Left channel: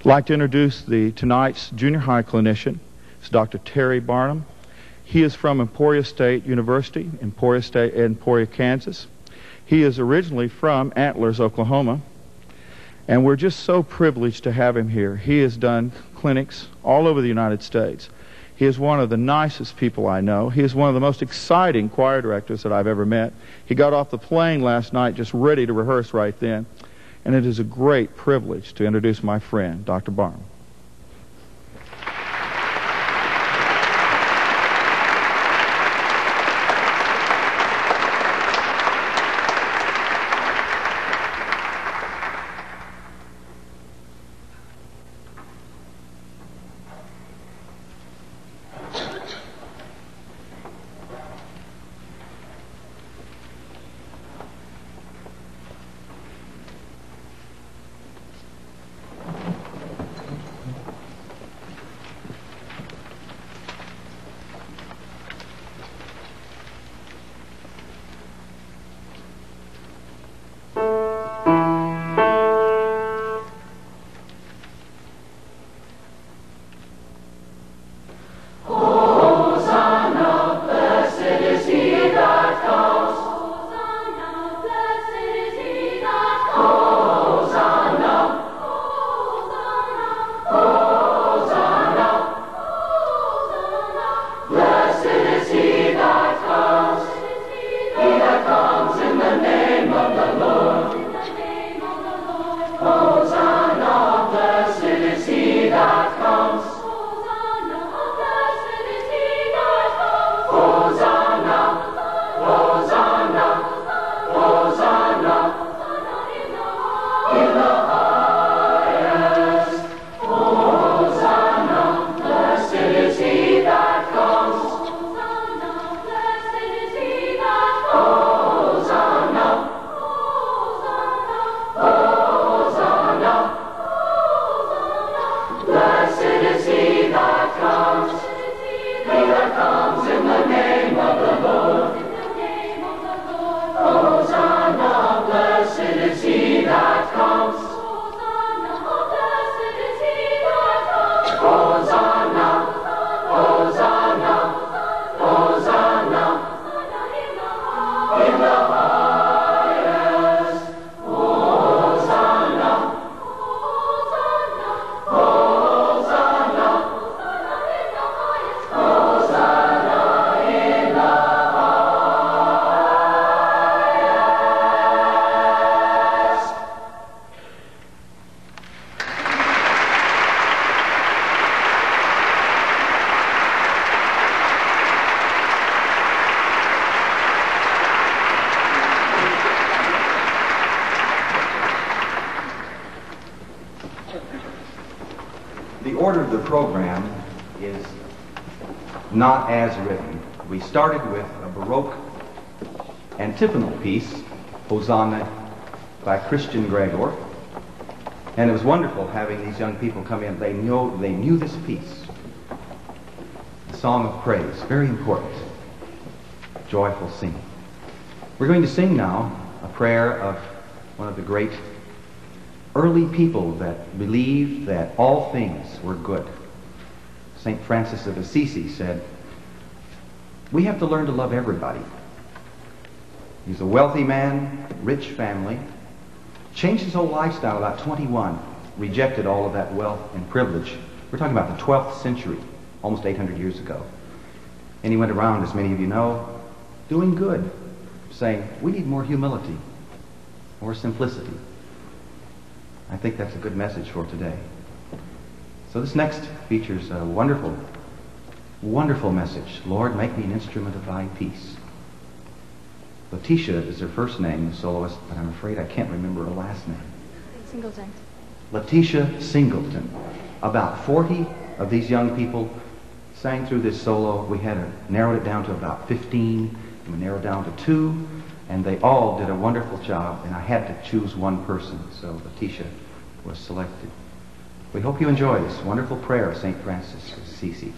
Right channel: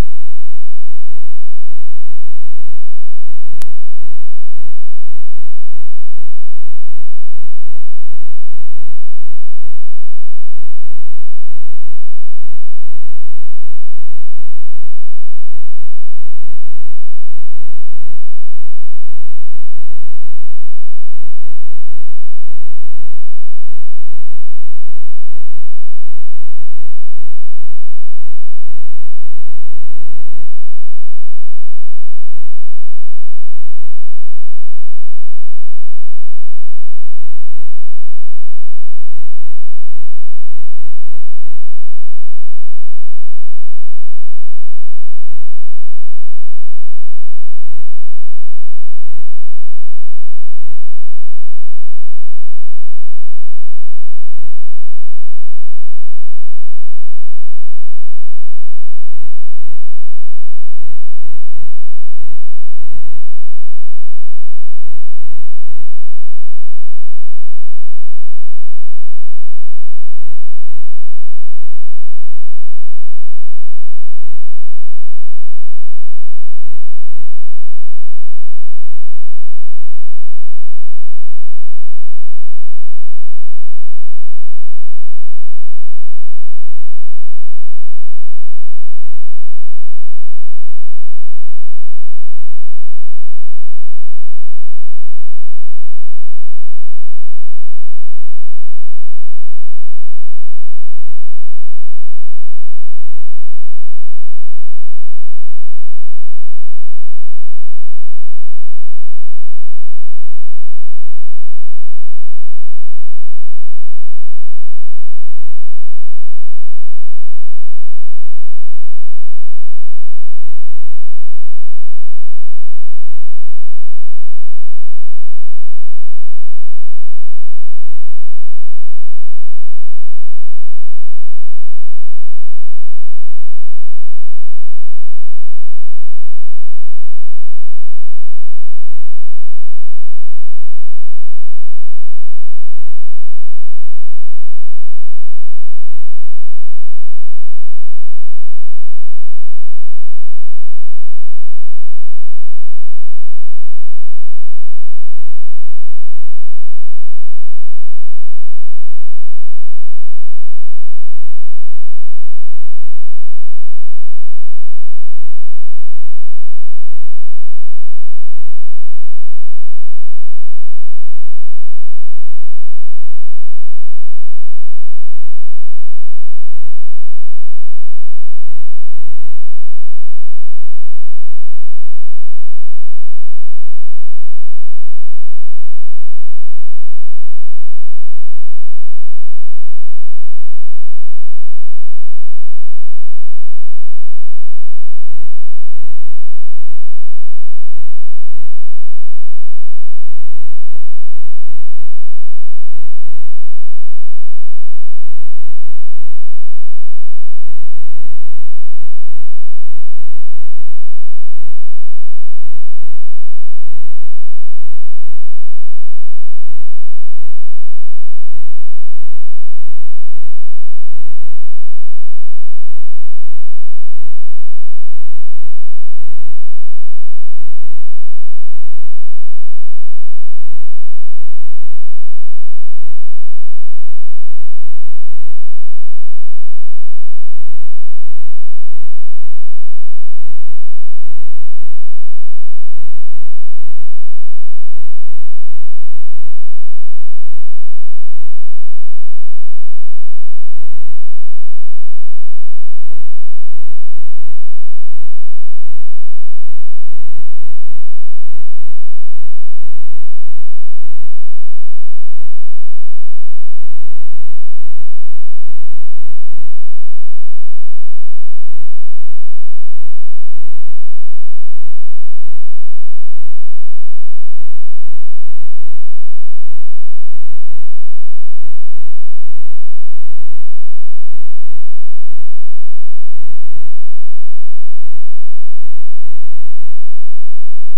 I'd like to introduce tonight's junior high clinician. It's Dr. Terry Barnum. He is from Emporia State University, Emporia, Kansas. He is originally from Antlers, Oklahoma, and we're just so privileged to have him here. He has done clinics all over the United States. He is one of the nicest people I know. He is one of the most exciting choir directors that I've ever met. He got off the plane last night just ready to rehearse right then. And it is a great privilege to introduce my friend, Dr. Barnum. Antiphonal piece, Hosanna, by Christian Gregor, and it was wonderful having these young people come in. They knew this piece, the song of praise, very important, joyful singing. We're going to sing now a prayer of one of the great early people that believed that all things were good. St. Francis of Assisi said, "We have to learn to love everybody." He's a wealthy man, rich family, changed his whole lifestyle about 21, rejected all of that wealth and privilege. We're talking about the 12th century, almost 800 years ago. And he went around, as many of you know, doing good, saying, we need more humility, more simplicity. I think that's a good message for today. So this next features a wonderful, wonderful message. Lord, make me an instrument of thy peace. Letitia is her first name, the soloist, but I'm afraid I can't remember her last name. Singleton. Letitia Singleton. About 40 of these young people sang through this solo. We had narrowed it down to about 15, and we narrowed down to 2, and they all did a wonderful job, and I had to choose one person, so Letitia was selected. We hope you enjoy this wonderful prayer of St. Francis of Assisi.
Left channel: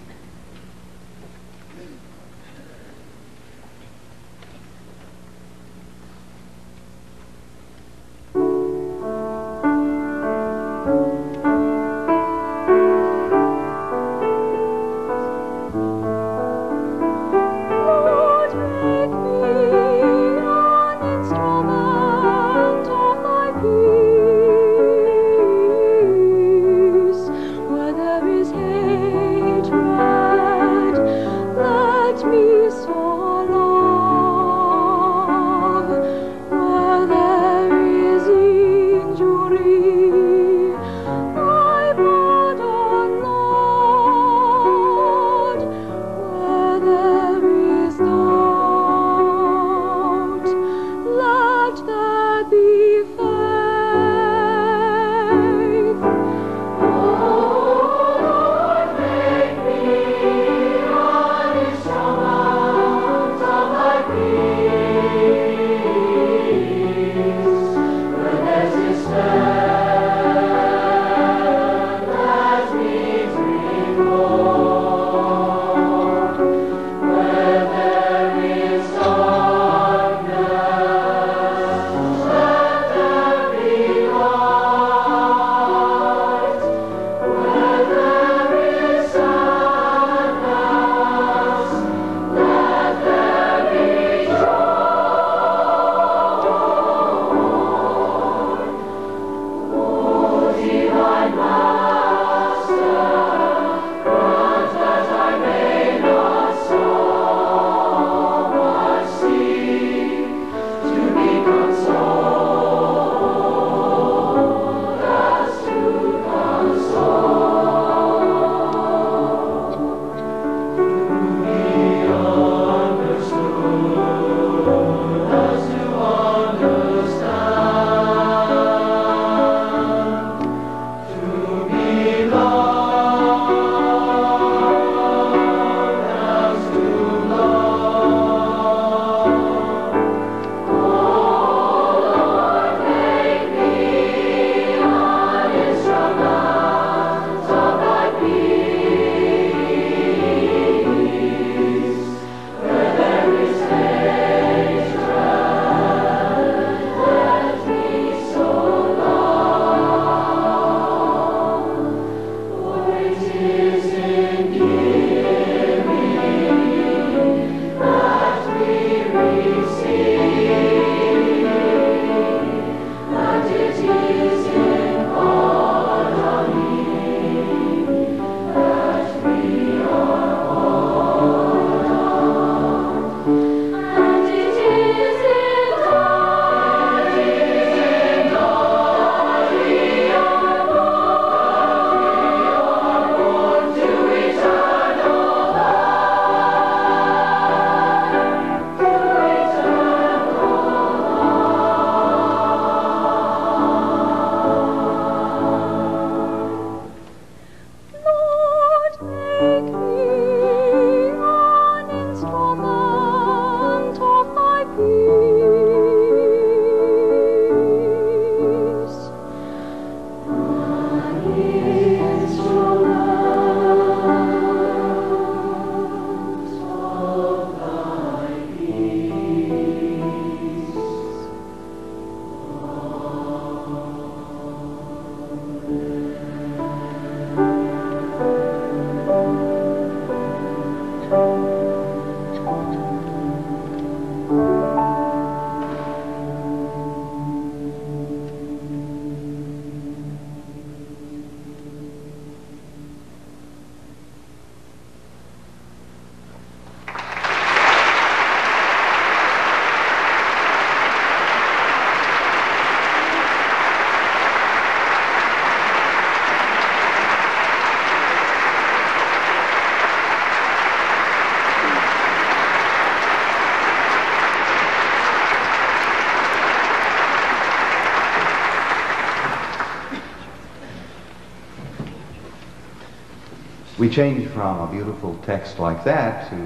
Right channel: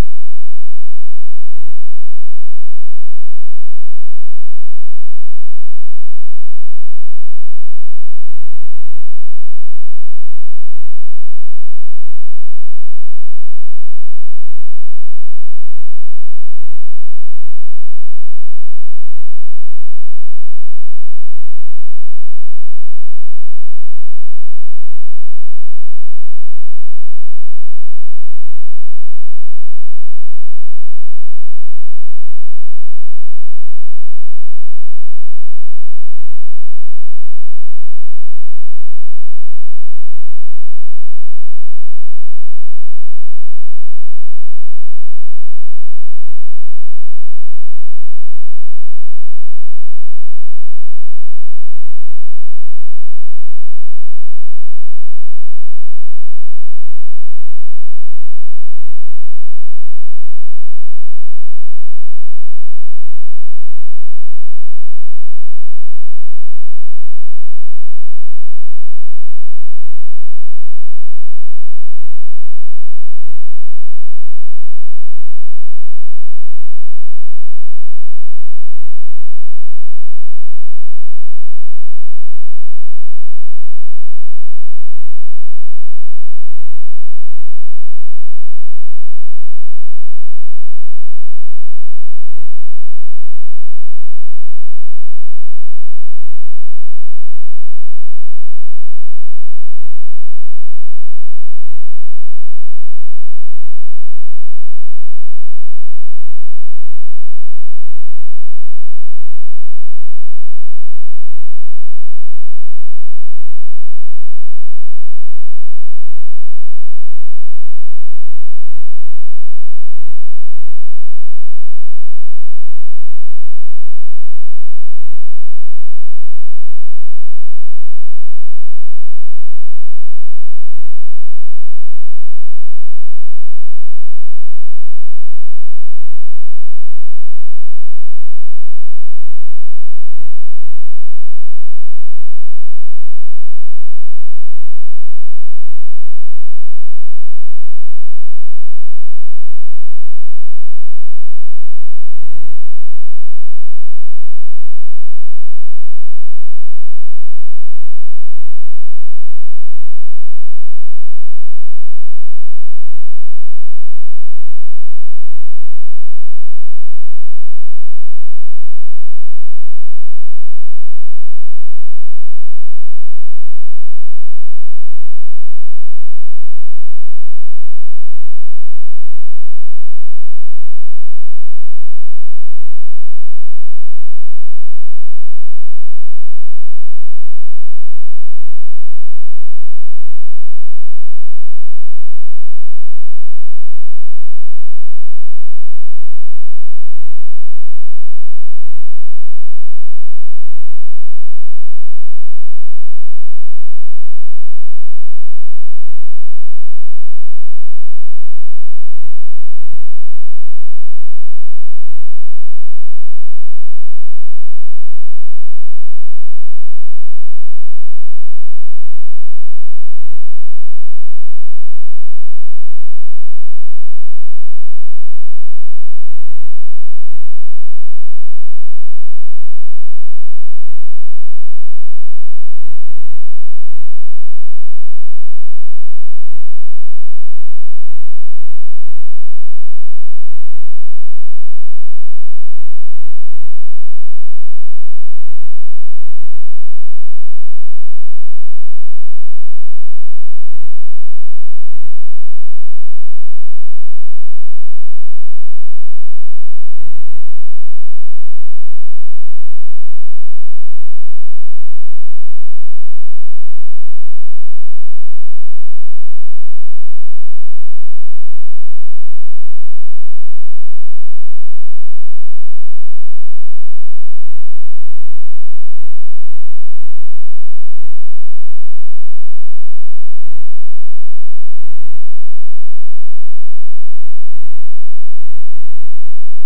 change from a beautiful text like that to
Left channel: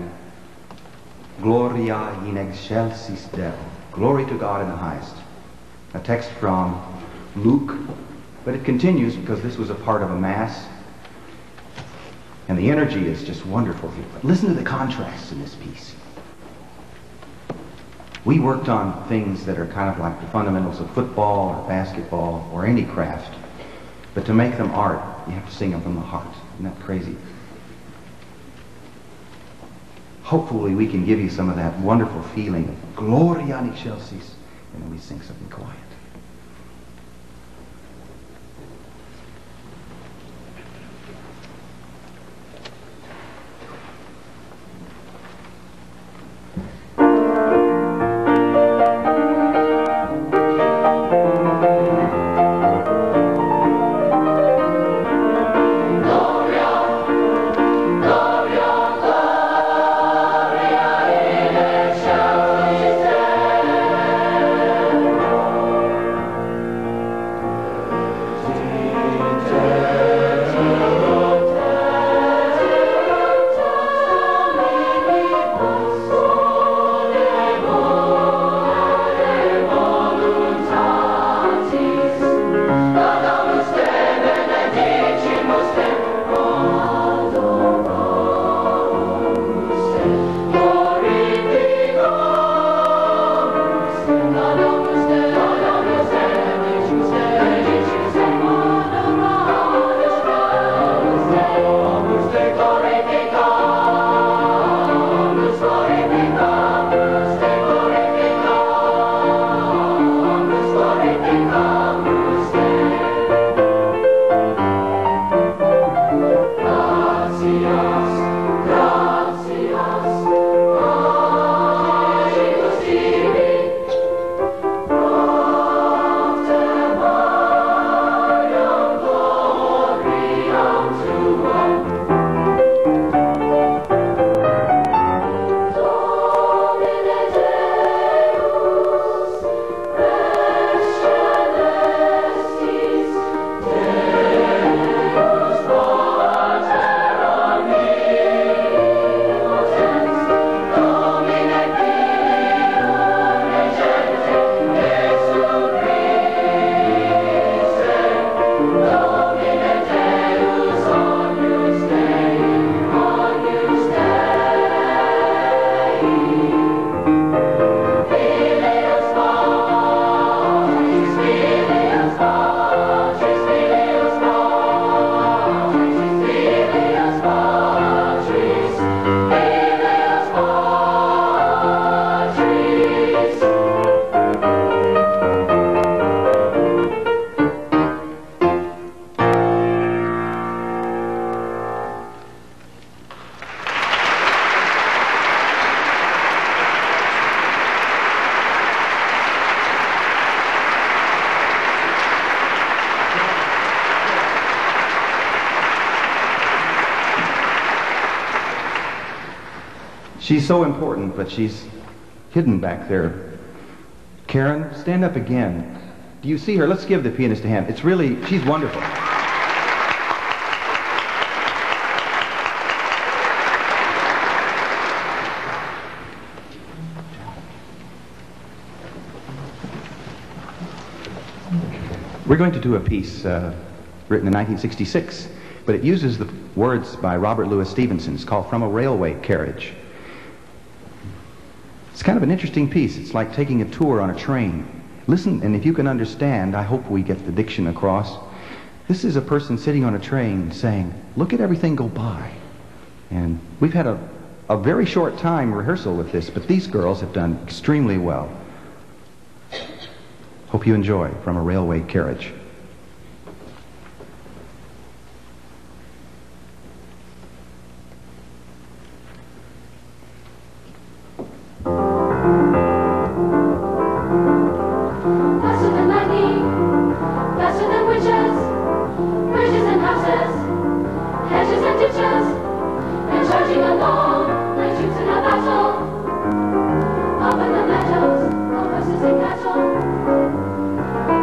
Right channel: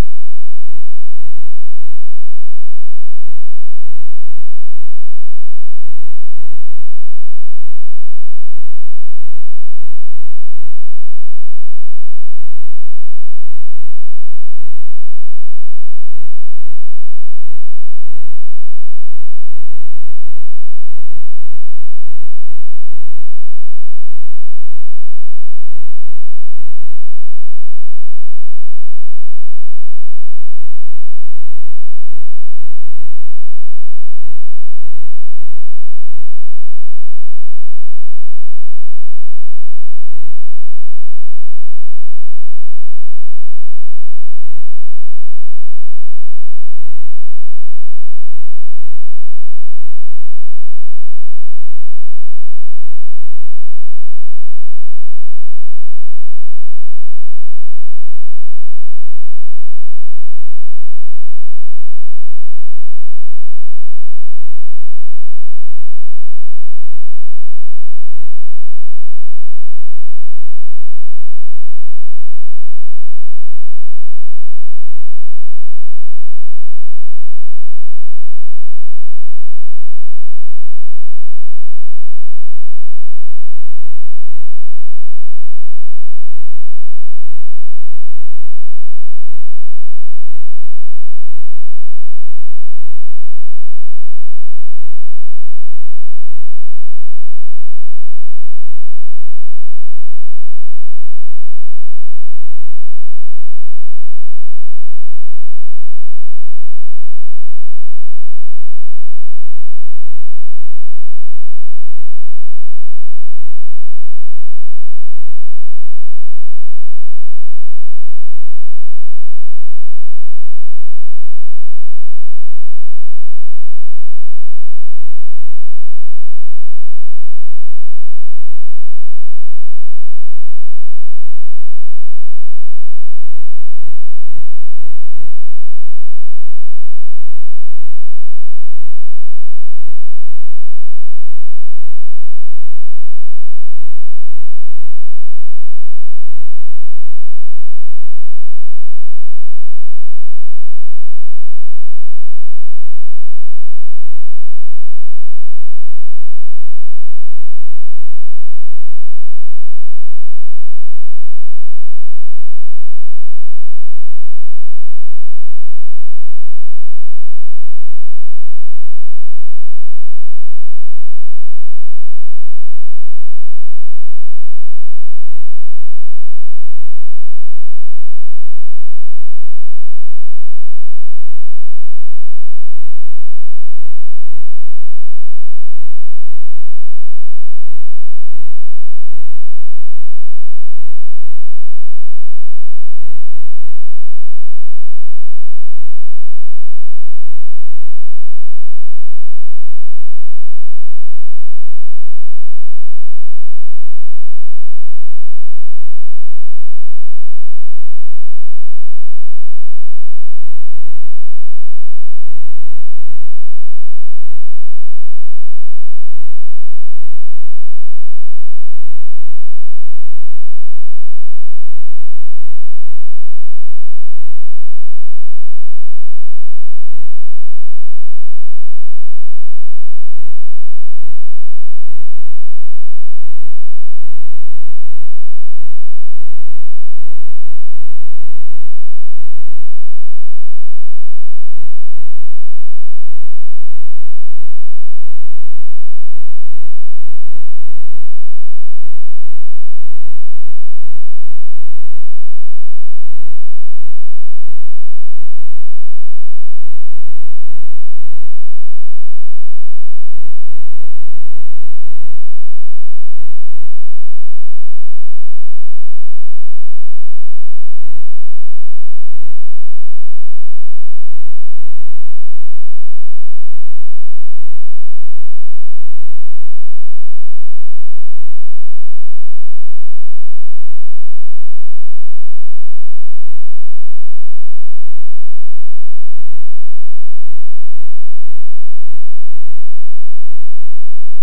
Gloria in excelsis Deo, glory to God in the highest. A text from Luke, but it continues because this was a part of a Mass, and the energy is just wonderful here. But listen to the contrasts in this piece. We worked on things that are kind of like the fundamentals of football or basketball or any craft, but to make them art, you have to sing them from the heart. Isn't that crazy? Hopefully we can give you some of that wonderful feeling of Gloria in excelsis, and then we sing something quiet. She's so important, but she's hidden back there. Karen, stand up again. Do you see her? Let's give the pianist a hand. It's really, she's wonderful. We're going to do a piece written in 1966, but it uses the words by Robert Louis Stevenson. It's called From a Railway Carriage. It's kind of an interesting piece. It's like taking a tour on a train. Listen, and if you can understand, I hope we get the diction across. This is a person sitting on a train saying, look at everything go by. And we've had a very short time rehearsal with this, but these girls have done extremely well. Hope you enjoy From a Railway Carriage.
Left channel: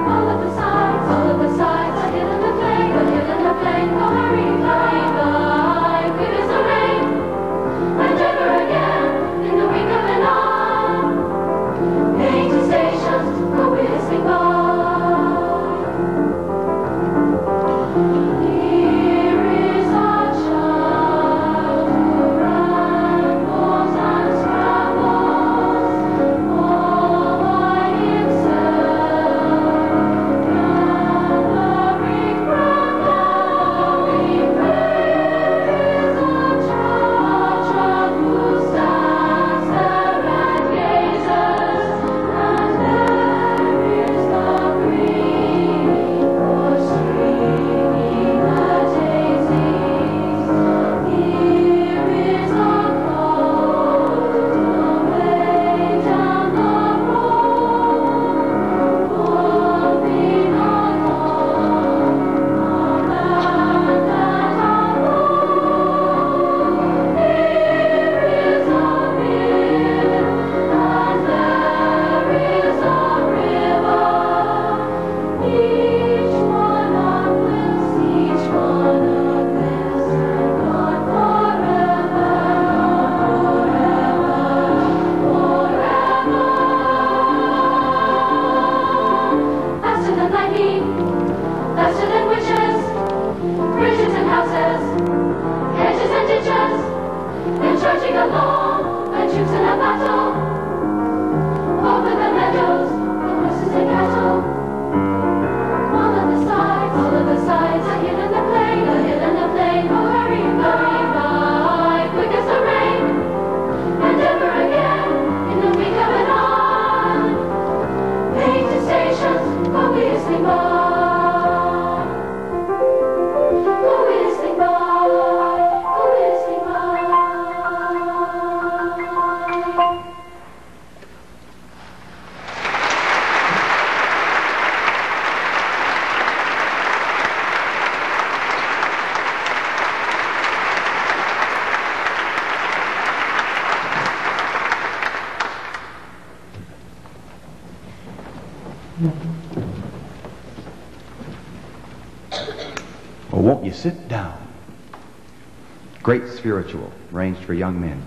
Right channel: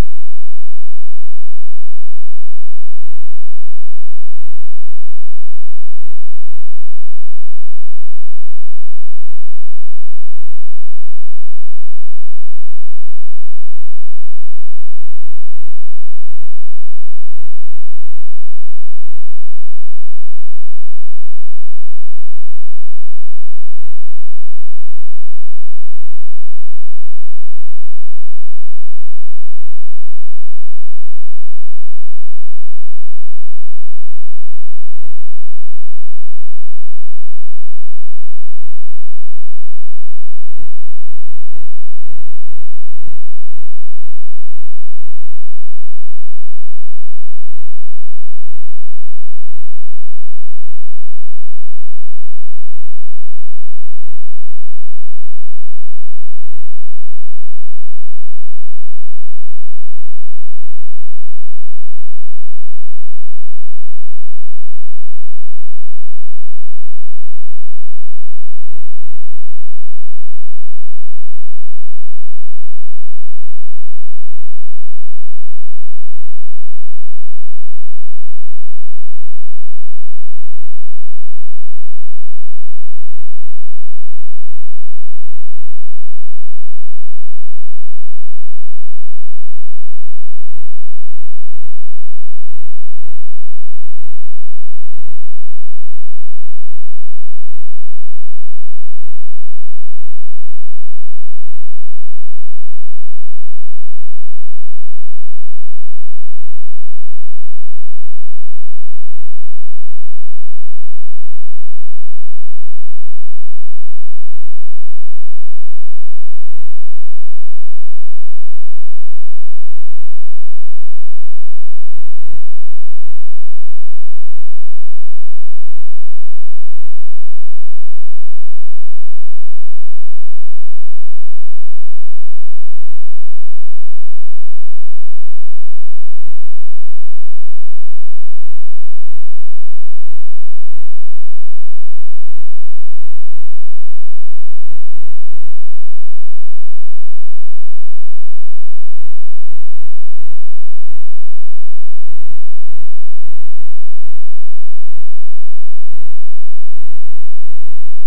All of the sides Oh, won't you sit down? Great spiritual, arranged for young men.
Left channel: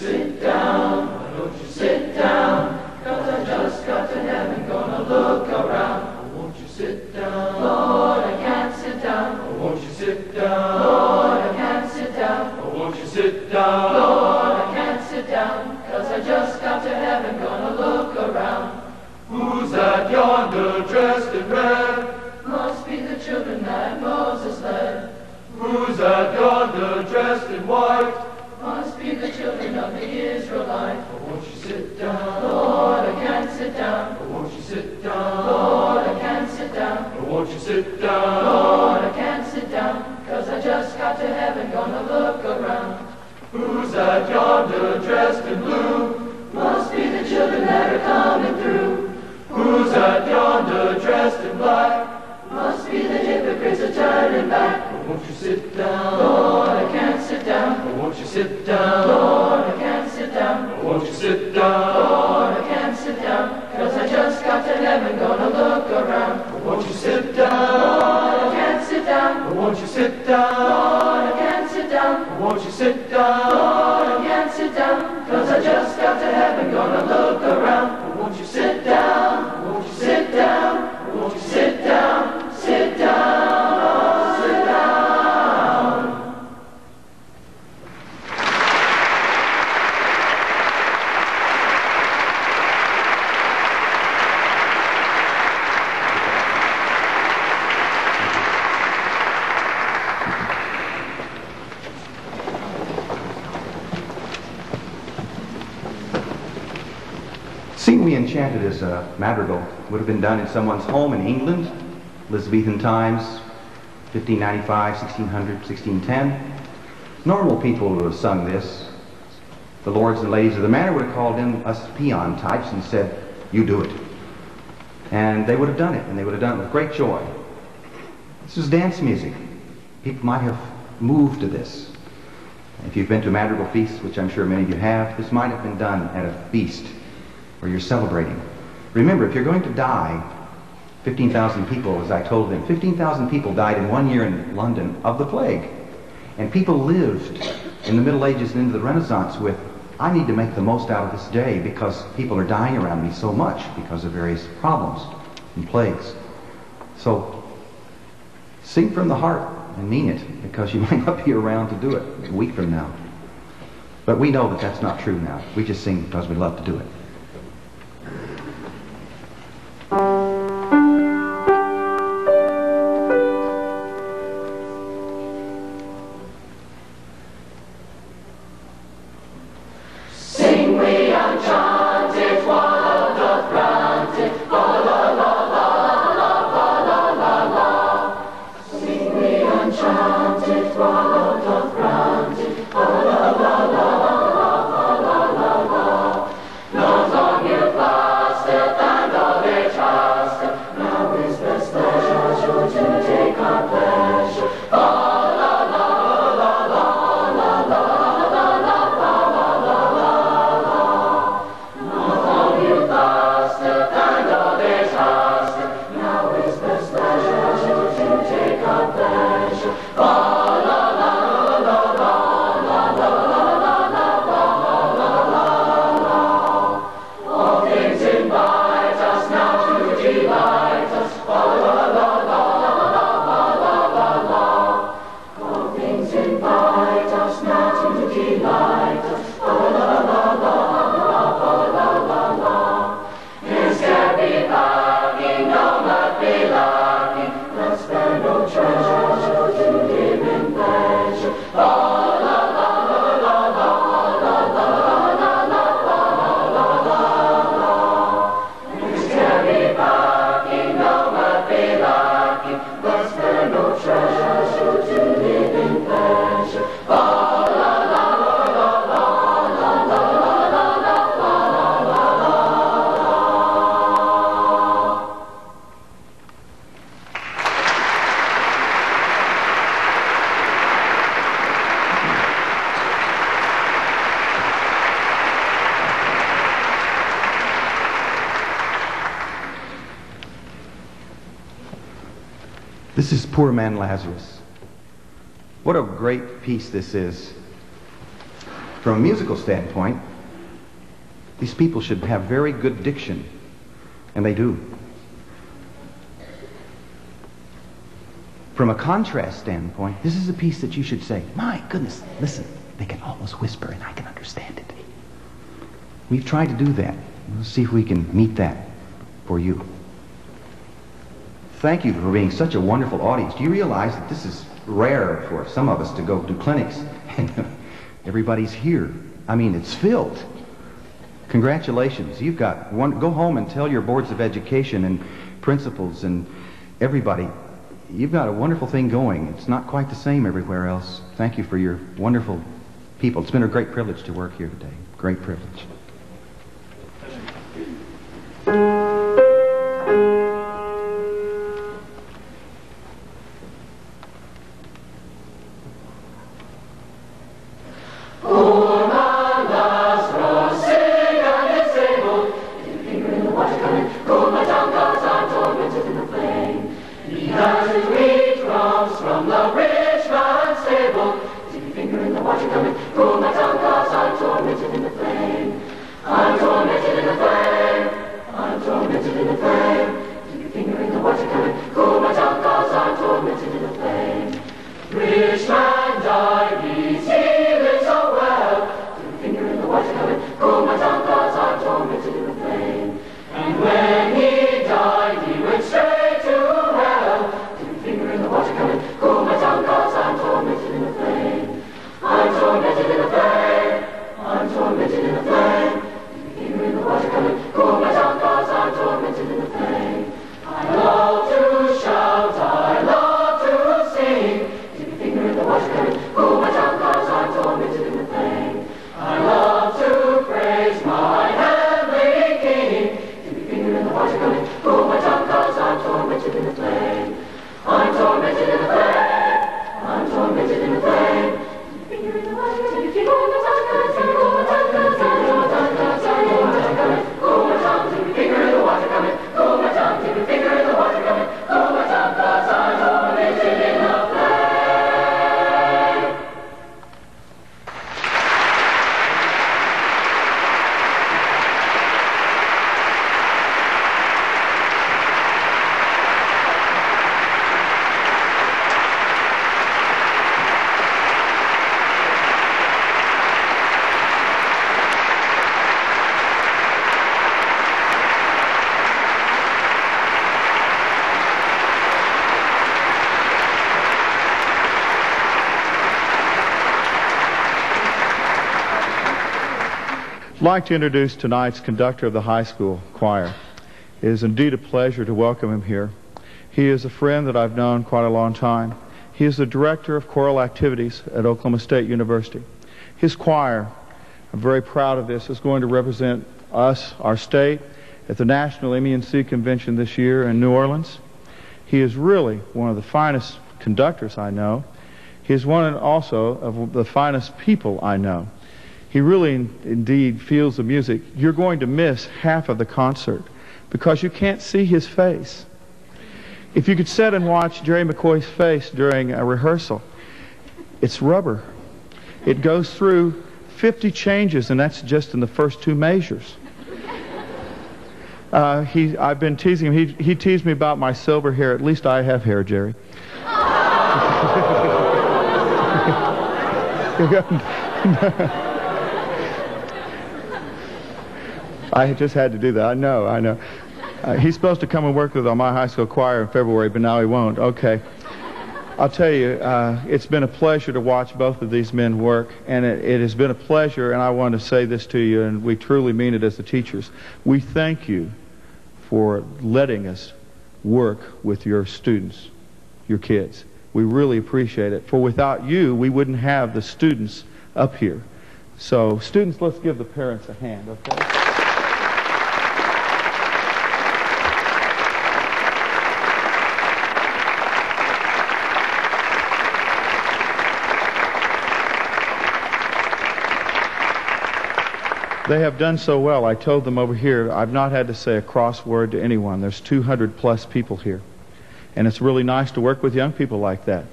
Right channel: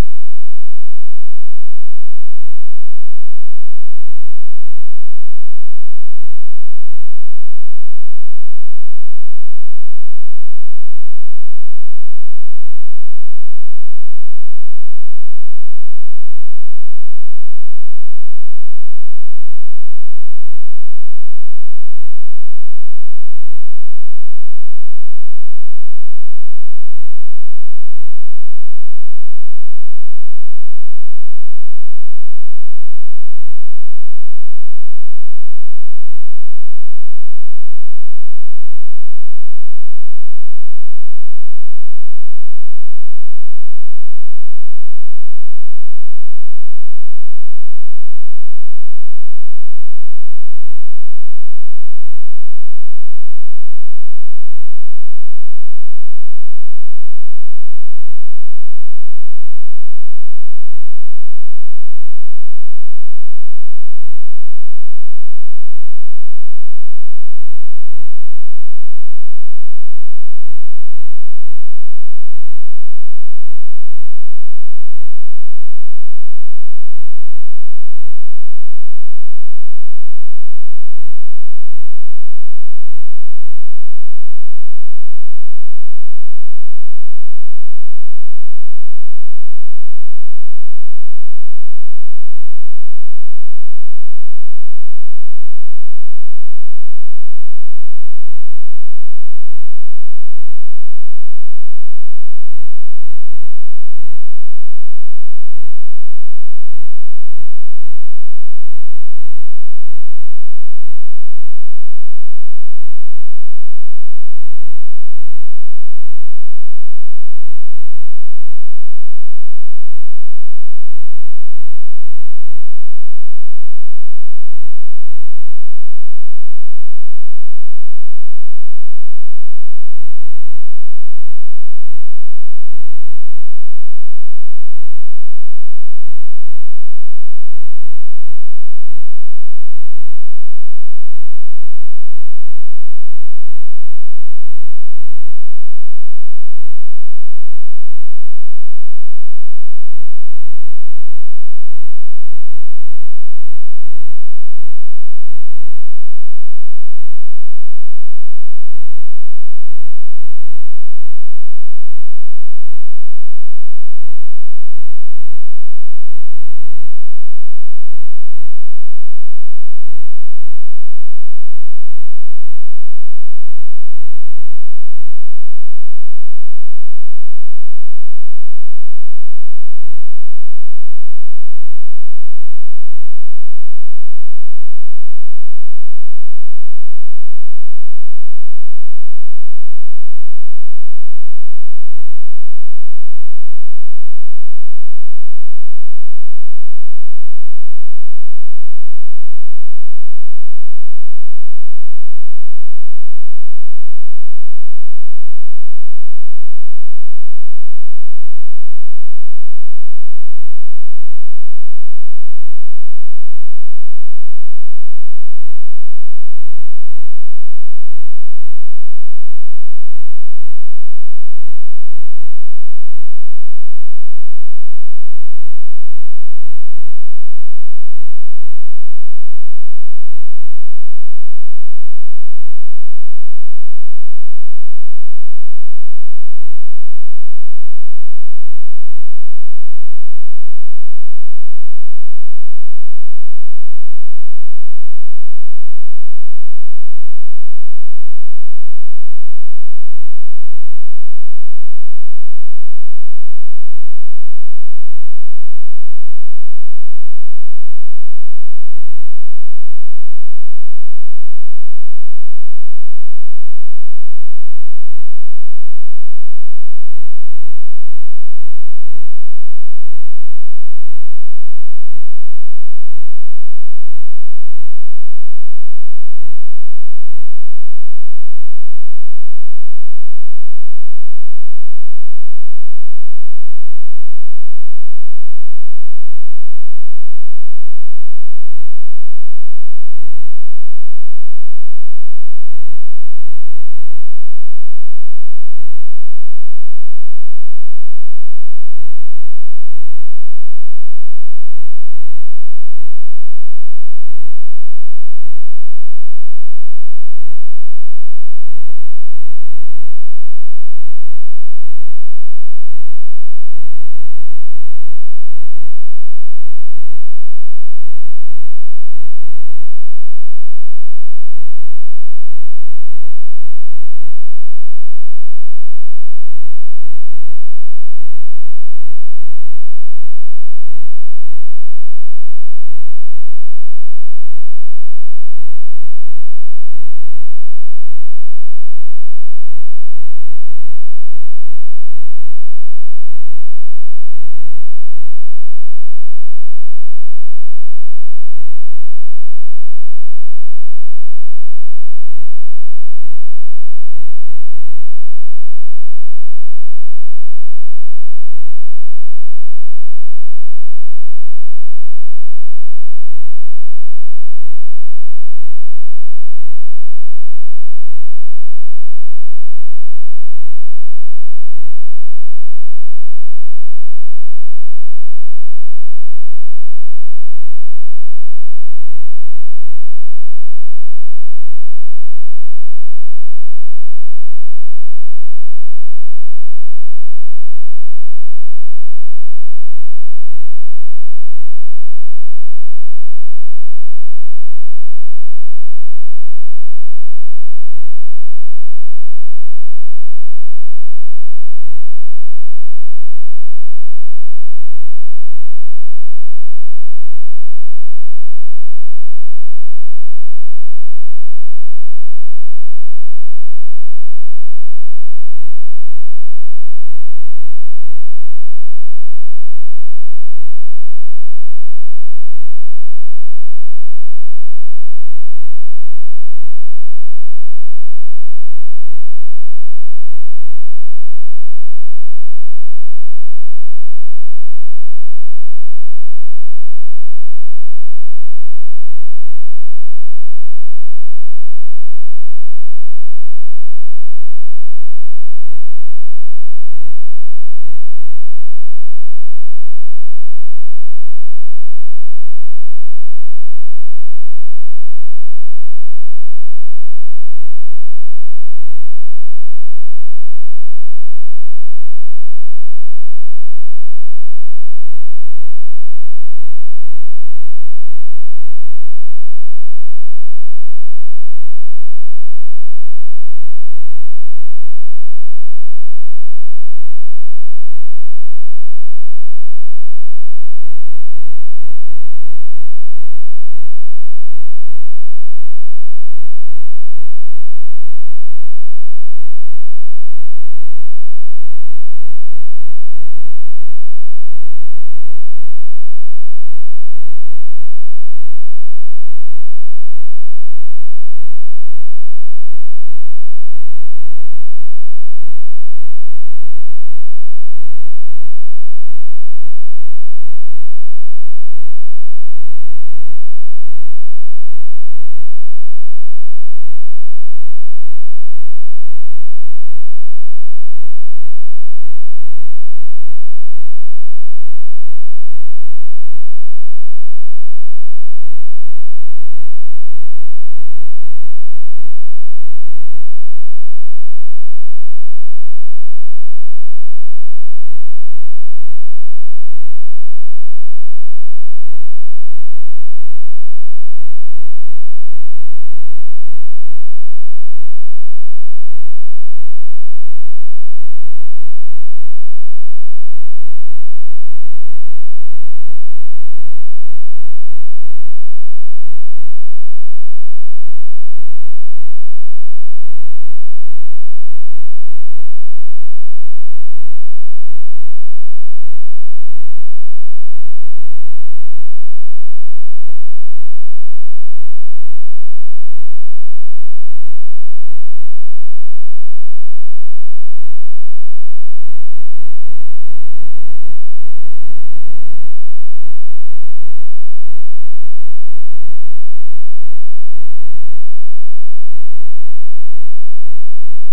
Sit down, why don't you sit down? 'Cause I just got to heaven, gonna look around. Won't you sit down? Lord, I can't sit down. Won't you sit down? Lord, I can't sit down. Won't you sit down? Lord, I can't sit down. 'Cause I just got to heaven, gonna look around. Who's that yonder dressed in red? Must be the children that Moses led. Who's that yonder dressed in white? Must be the children of the Israelites. Won't you sit down? Lord, I can't sit down. Won't you sit down? Lord, I can't sit down. Won't you sit down? Lord, I can't sit down. 'Cause I just got to heaven, gonna look around. Who's that yonder dressed in blue? Must be the children that are coming through. Who's that yonder dressed in black? Must be the hypocrites are turning back. Won't you sit down? Lord, I can't sit down. Won't you sit down? Lord, I can't sit down. Won't you sit down? Lord, I can't sit down. 'Cause I just got to heaven, gonna look around. Won't you sit down? Lord, I can't sit down. Won't you sit down? Lord, I can't sit down. Won't you sit down? Lord, I can't sit down. 'Cause I just got to heaven, gonna look around. Won't you sit down? Won't you sit down? Won't you sit down? Sit down, sit down. Seeing we enchanted as a madrigal would have been done in someone's home in England, Elizabethan times, 1595, 1600, 1610. Normal people would have sung this. The lords and ladies of the manor would have called in us peon types and said, "You do it." And they would have done it, and they would have done it with great joy. This was dance music. People might have moved to this. If you've been to a madrigal feast, which I'm sure many of you have, this might have been done at a feast where you're celebrating. Remember, if you're going to die, 15,000 people, as I told them, 15,000 people died in 1 year in London of the plague. And people lived in the Middle Ages and into the Renaissance with, I need to make the most out of this day because people are dying around me so much because of various problems and plagues. So, sing from the heart and mean it, because you might not be around to do it a week from now. But we know that that's not true now. We just sing because we love to do it. Sing we enchanted while doth grant it, la la la la la la la la la. Sing we enchanted while doth grant it, la la la la la la la la la. Not long you fasteth and of age has This is poor man Lazarus. What a great piece this is. From a musical standpoint, these people should have very good diction, and they do. From a contrast standpoint, this is a piece that you should say, my goodness, listen, they can almost whisper and I can understand it. We've tried to do that. Let's see if we can meet that for you. Thank you for being such a wonderful audience. Do you realize that this is rare for some of us to go to clinics and everybody's here? I mean, it's filled. Congratulations. You've got one. Go home and tell your boards of education and principals and everybody, you've got a wonderful thing going. It's not quite the same everywhere else. Thank you for your wonderful people. It's been a great privilege to work here today. Great privilege. Poor man Lazarus, sick and disabled, his finger in the water coming, cold my tongue, 'cause I'm tormented in the flame. He has his wheat crumbs from the rich man's table, his finger in the water coming, cold my tongue, 'cause I'm tormented in the flame. I'm tormented in the flame. I'm tormented in the flame. Keep your finger in the water coming, cool my tongue, 'cause I'm tormented in the flame. Rich man died, he's healing so well. Keep your finger in the water coming, cool my tongue, 'cause I'm tormented in the flame. And when he died, he went straight to hell. Keep your finger in the water coming, cool my tongue, 'cause I'm tormented in the flame. I'm tormented in the flame. I'm tormented in the flame. Finger in the water coming, cool my tongue, 'cause I'm tormented in the flame. I love to shout, I love to sing. Keep your finger in the water coming, cool my tongue, 'cause I'm tormented in the flame. I love to praise my heavenly King. Keep your finger in the water coming, cool my tongue, 'cause I'm tormented in the flame. I'm tormented in the flame. I'm tormented in the flame. Keep your finger in the water coming, keep your finger in the water coming, cool my tongue, 'cause I'm tormented in the flame. Cool my tongue, keep your finger in the water coming. Cool my tongue, keep your finger in the water coming. Cool my tongue, 'cause I'm tormented in the flame. I'd like to introduce tonight's conductor of the high school choir. It is indeed a pleasure to welcome him here. He is a friend that I've known quite a long time. He is the director of choral activities at Oklahoma State University. His choir, I'm very proud of this, is going to represent us, our state, at the National MENC Convention this year in New Orleans. He is really one of the finest conductors I know. He is one also of the finest people I know. He really indeed feels the music. You're going to miss half of the concert because you can't see his face. If you could sit and watch Jerry McCoy's face during a rehearsal, it's rubber. It goes through 50 changes, and that's just in the first two measures. I've been teasing him. He teased me about my silver hair. At least I have hair, Jerry. I just had to do that. I know. He's supposed to come and work with on my high school choir in February, but now he won't. Okay. I'll tell you, it's been a pleasure to watch both of these men work, and it has been a pleasure, and I want to say this to you, and we truly mean it as the teachers. We thank you for letting us work with your students, your kids. We really appreciate it. For without you, we wouldn't have the students up here. So, students, let's give the parents a hand, okay? They have done so well. I told them over here, I've not had to say a cross word to anyone. There's 200 plus people here. And it's really nice to work with young people like that.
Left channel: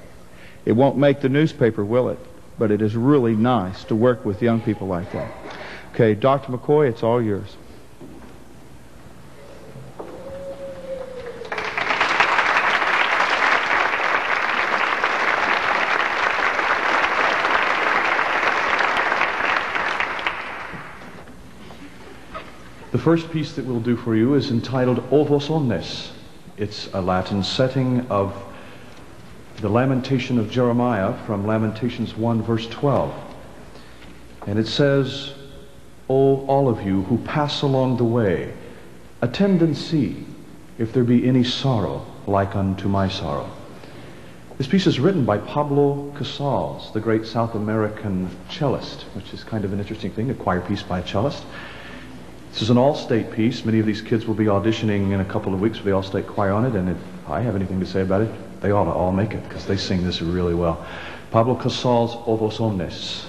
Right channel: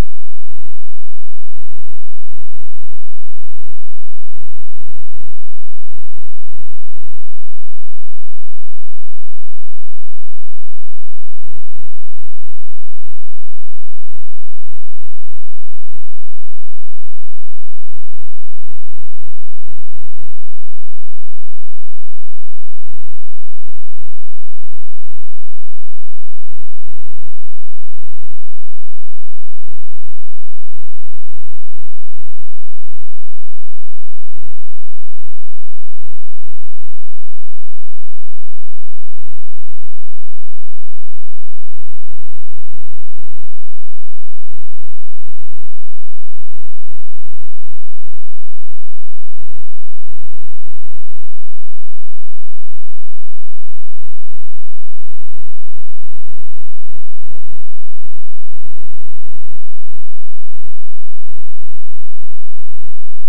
It won't make the newspaper, will it? But it is really nice to work with young people like that. Okay, Dr. McCoy, it's all yours. The first piece that we'll do for you is entitled O Vos Omnes. It's a Latin setting of the lamentation of Jeremiah from Lamentations 1 verse 12. And it says, O all of you who pass along the way, attend and see if there be any sorrow like unto my sorrow. This piece is written by Pablo Casals, the great South American cellist, which is kind of an interesting thing, a choir piece by a cellist. This is an all-state piece. Many of these kids will be auditioning in a couple of weeks for the all-state choir on it, and if I have anything to say about it, they ought to all make it, because they sing this really well. Pablo Casals, O Vos Omnes.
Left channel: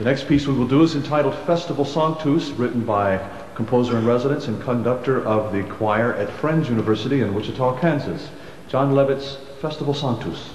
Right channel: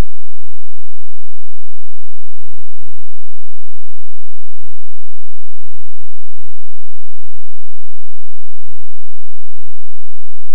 The next piece we will do is entitled Festival Sanctus, written by composer in residence and conductor of the choir at Friends University in Wichita, Kansas, John Levitt's Festival Sanctus.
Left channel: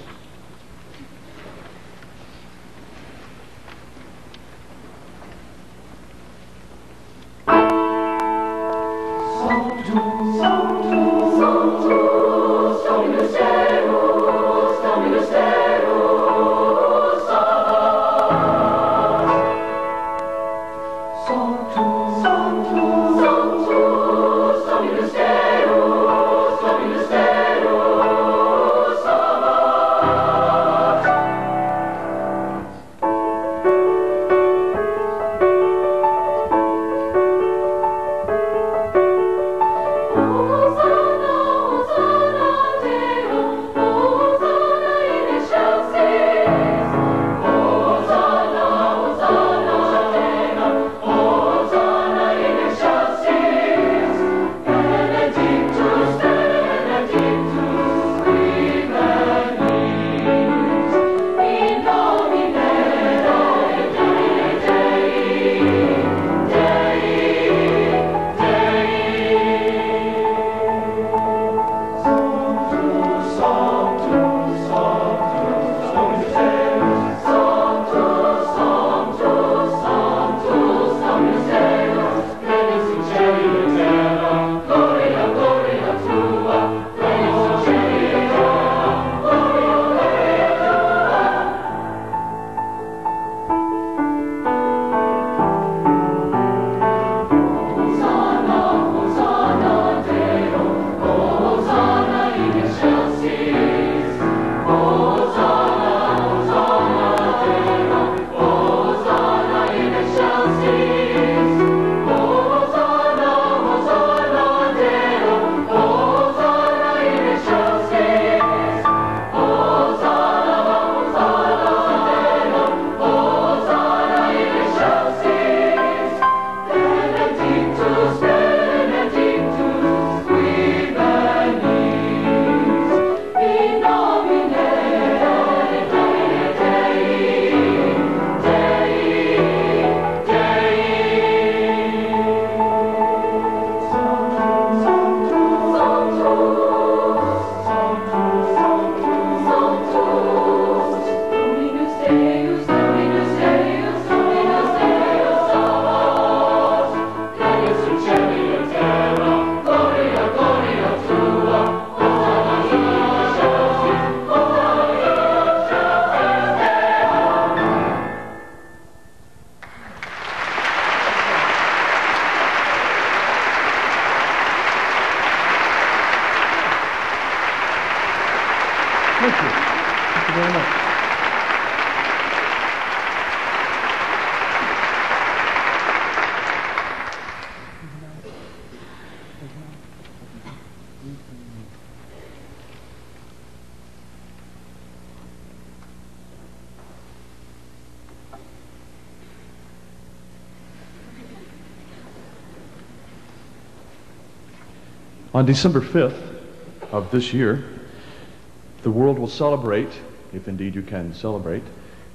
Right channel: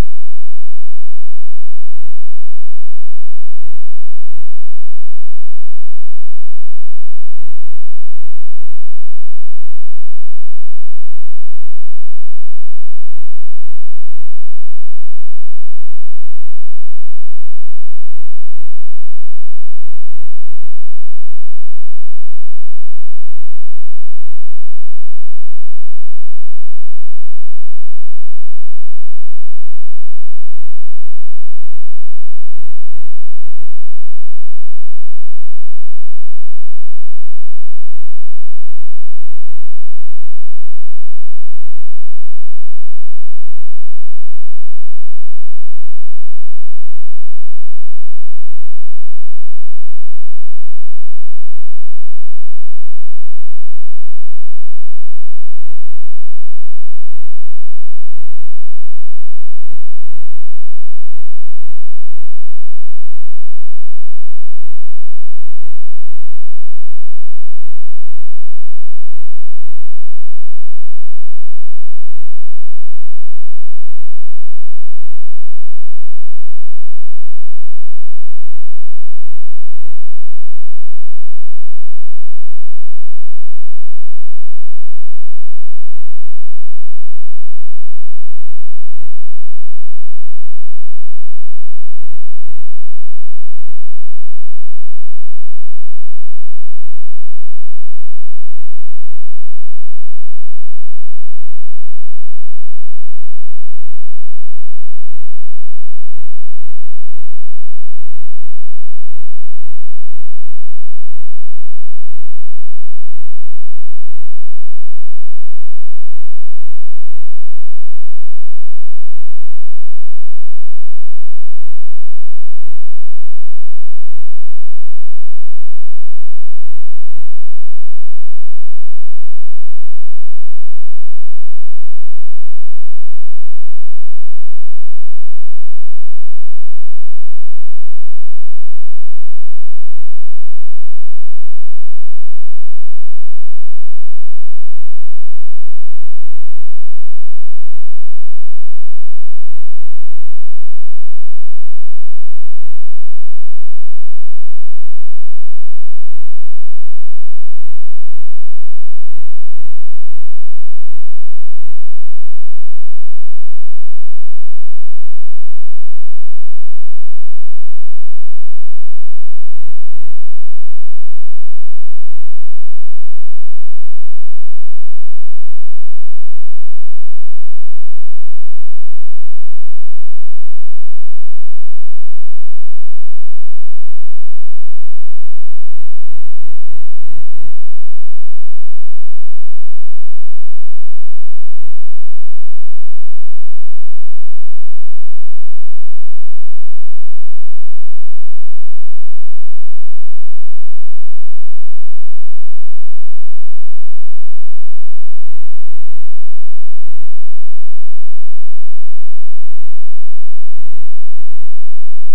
On December 5th of this year, the world will celebrate, if indeed you can celebrate,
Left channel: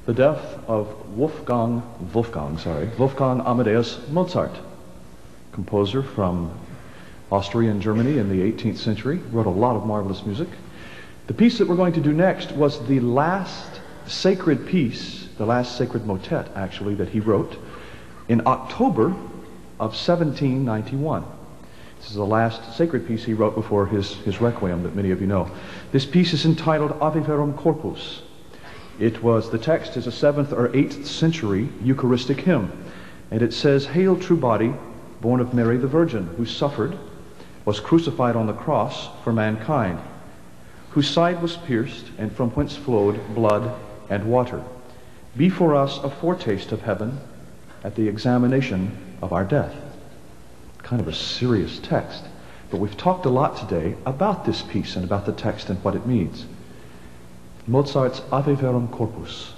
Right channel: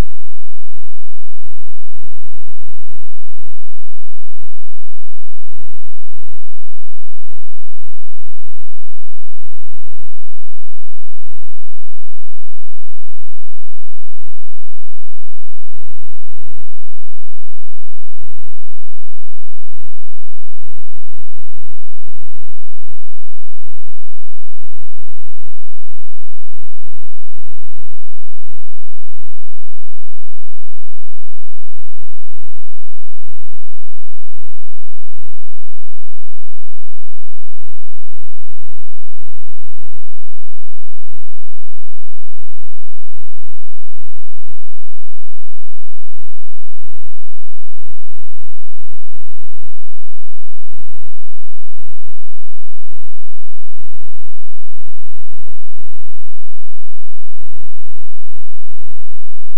the death of Wolfgang Amadeus Mozart, composer from Austria and Germany in the 18th century, wrote a lot of marvelous music. The piece that we're going to do next was the last sacred piece, the last sacred motet, actually, that he wrote in October of 1791. This is the last sacred piece he wrote before his Requiem that many of you know. This piece is entitled Ave Verum Corpus. The text is a 7th or 8th century Eucharistic hymn, and it says, "Hail, true body, born of Mary the Virgin, who suffered, was crucified on the cross for mankind, whose side was pierced, and from whence flowed blood and water. Be for us a foretaste of heaven at the examination of our death." Kind of a serious text, but we've talked a lot today about this piece and about the text and what it means. Mozart's Ave Verum Corpus.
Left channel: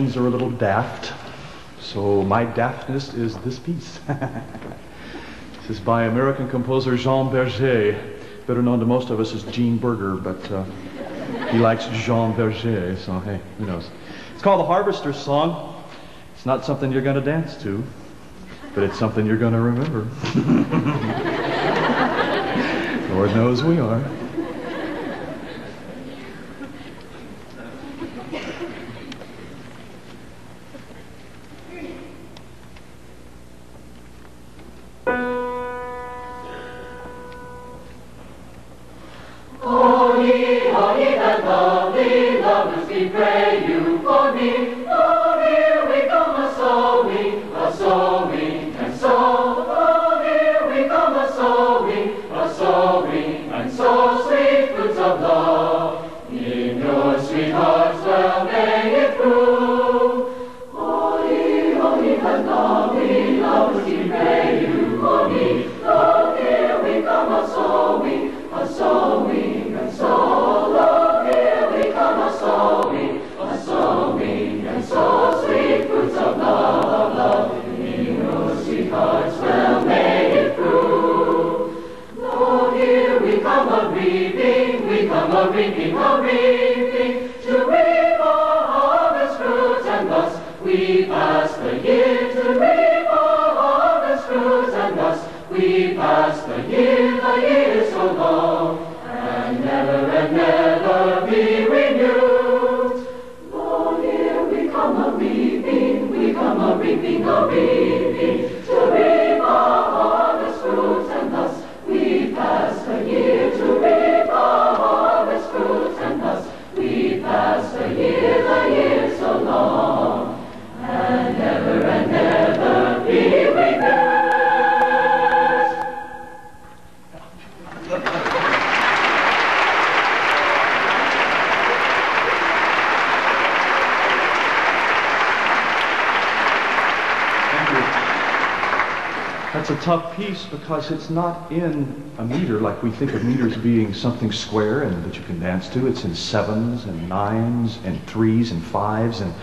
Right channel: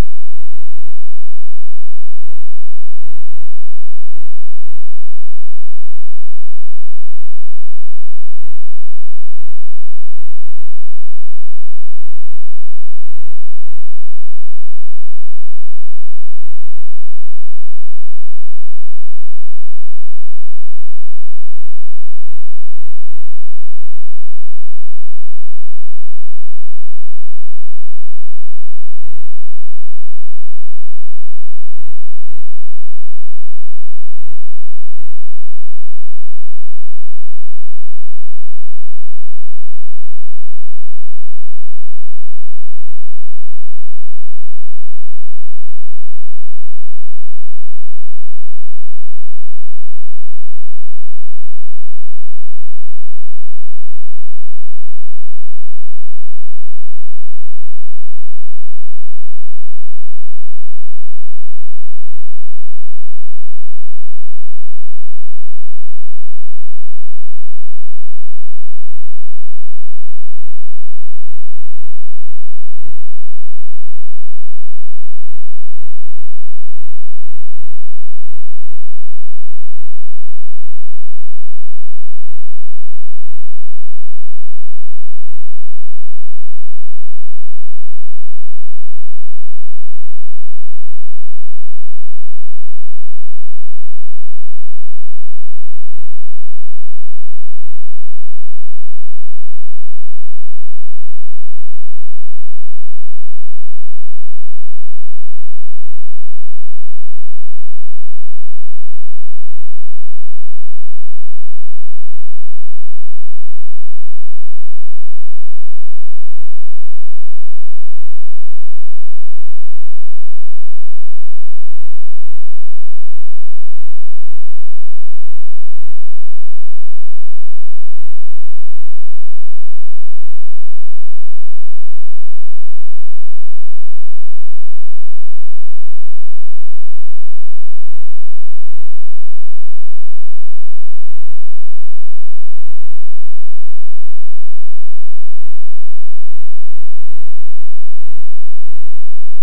musicians are a little daft, so my daftness is this piece. This is by American composer Jean Berger, better known to most of us as Gene Berger, but he likes Jean Berger, so hey, who knows. It's called the Harvester's Song. It's not something you're going to dance to, but it's something you're going to remember. Lord knows we are. Oh, ye that lovely lovers, we pray you for me. Oh, here we come a-sowing, and so. Oh, here we come a-sowing, and so. Sweet fruits of love, in your sweet hearts well may it prove. Oh, ye that lovely lovers, we pray you for me. Oh, here we come a-sowing, and so. Lord, here we come a-sowing, and so. Sweet fruits of love, in your sweet hearts well may it prove. Lord, here we come a-reaping, to reap our harvest fruits, and thus we pass the year. To reap our harvest fruits, and thus we pass the year so long, and never be renewed. Lord, here we come a-reaping, to reap our harvest fruits, and thus we pass the year. To reap our harvest fruits, and thus we pass the year so long, and never be renewed. That's a tough piece because it's not in a meter like we think of meters being something square and that you can dance to. It's in 7s and 9s and 3s and 5s, and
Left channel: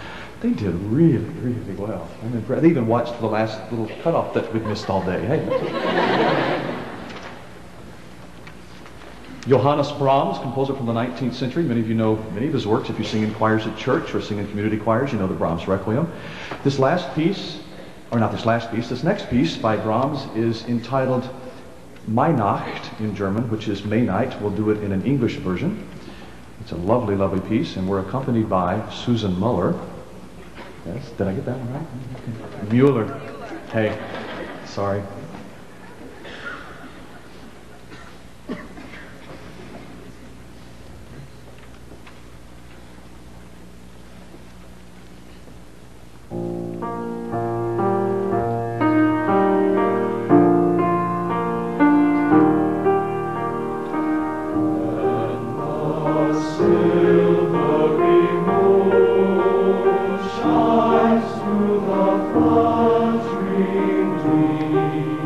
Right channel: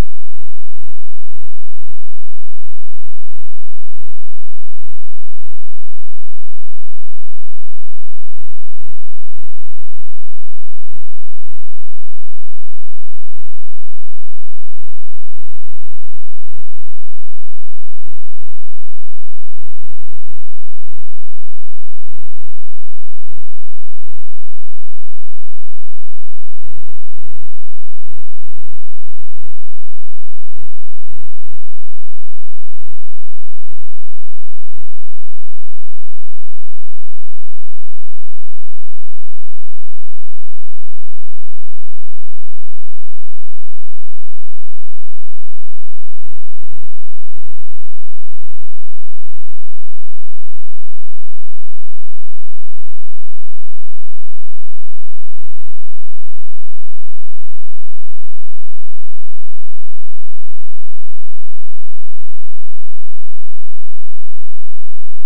they did really, really well. I'm impressed. They even watched the last little cutoff that we missed all day. Hey. Johannes Brahms, composer from the 19th century. Many of you know many of his works. If you sing in choirs at church or sing in community choirs, you know the Brahms Requiem. This next piece by Brahms is entitled Weihnacht in German, which is May Night. We'll do it in an English version. It's a lovely, lovely piece, and we're accompanied by Susan Muller. Yes, did I get that one right? Mueller. Hey, sorry. Silvery moon shines through the fluttering trees.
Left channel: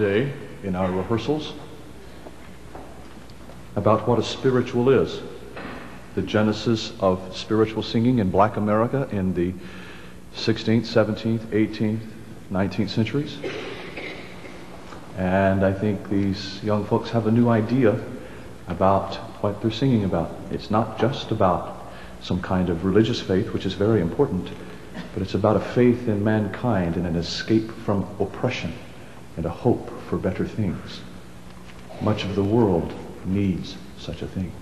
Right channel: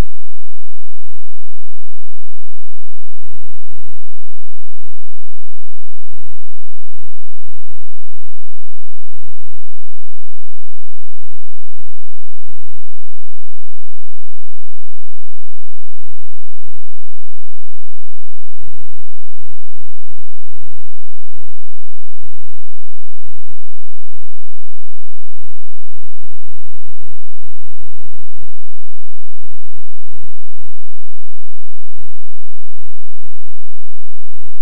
today in our rehearsals about what a spiritual is, the genesis of spiritual singing in Black America in the 16th, 17th, 18th, 19th centuries. And I think these young folks have a new idea about what they're singing about. It's not just about some kind of religious faith, which is very important, but it's about a faith in mankind and an escape from oppression and a hope for better things. Much of the world needs such a thing.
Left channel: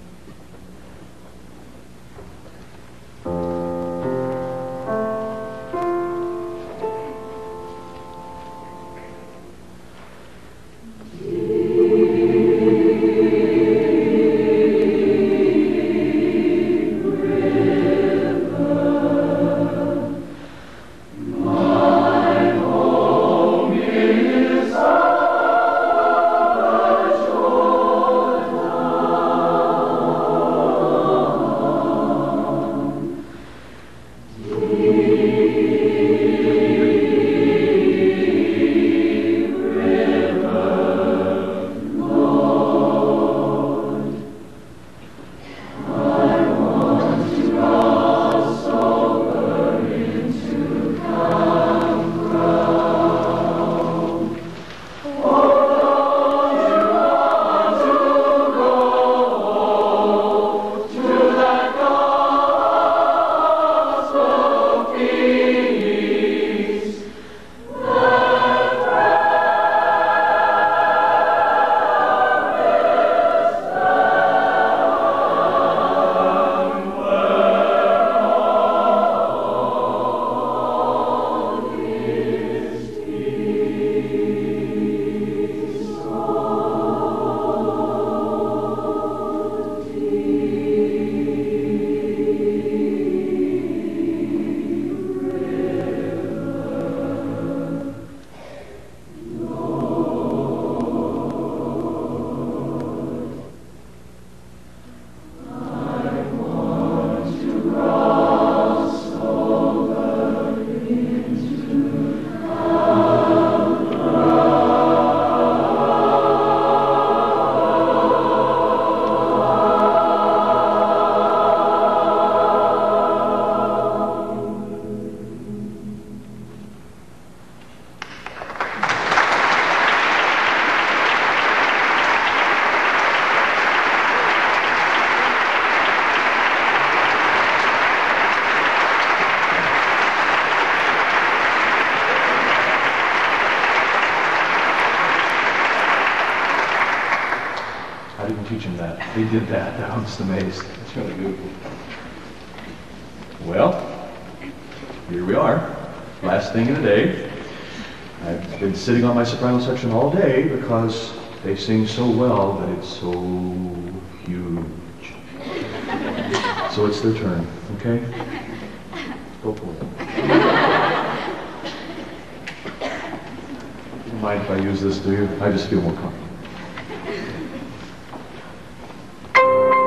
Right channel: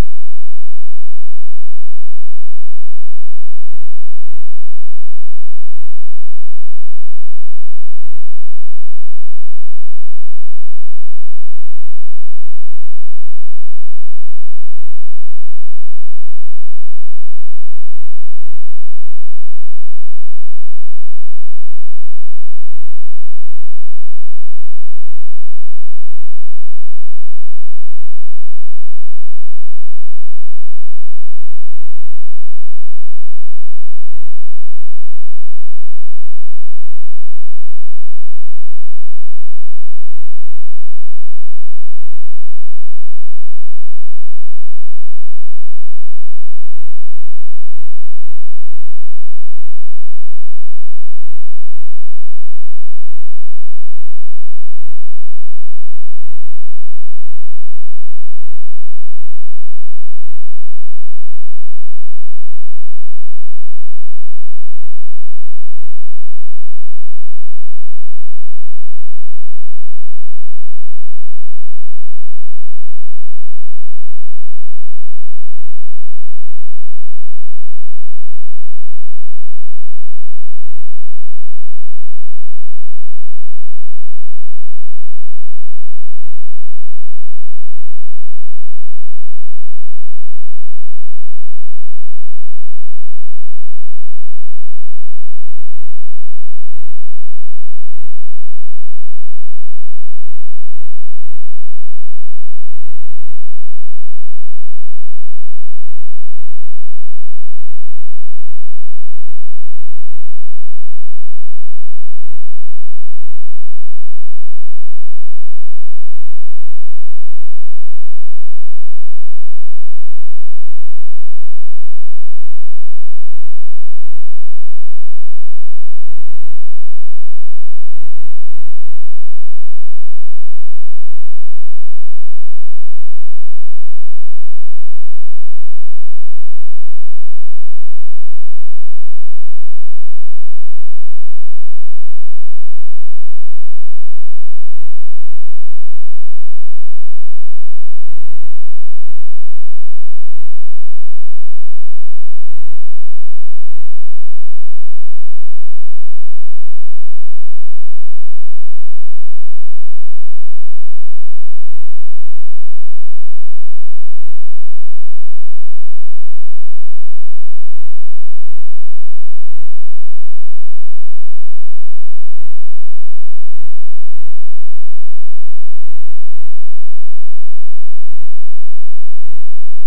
Sitting on my soprano section all day because they sing so well that it's so huge. So it's their turn, okay? Go for it. Don't mind if I use this, do you? I just feel more comfortable. Thank you.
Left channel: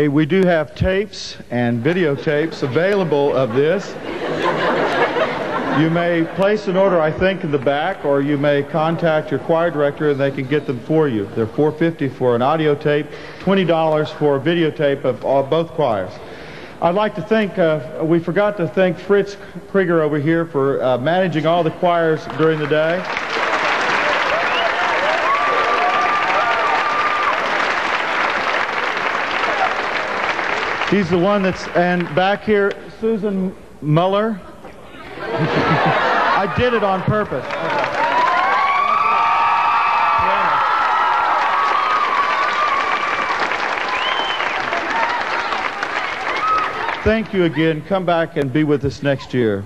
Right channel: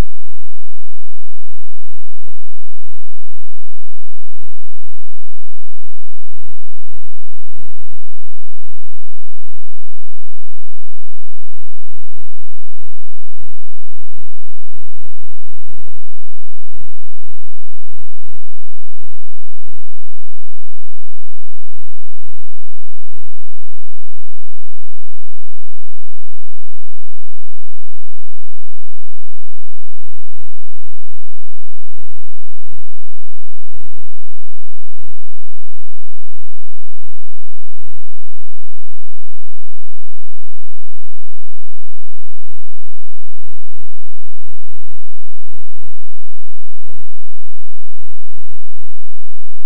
Okay, we do have tapes and videotapes available of this. You may place an order, I think, in the back, or you may contact your choir director and they can get them for you. They're $4.50 for an audio tape, $20 for a videotape of both choirs. I'd like to thank, we forgot to thank Fritz Krieger over here for managing all the choirs during the day. He's the one that's, and back here, Susan Muller. I did it on purpose. Thank you again. Come back and be with us next year.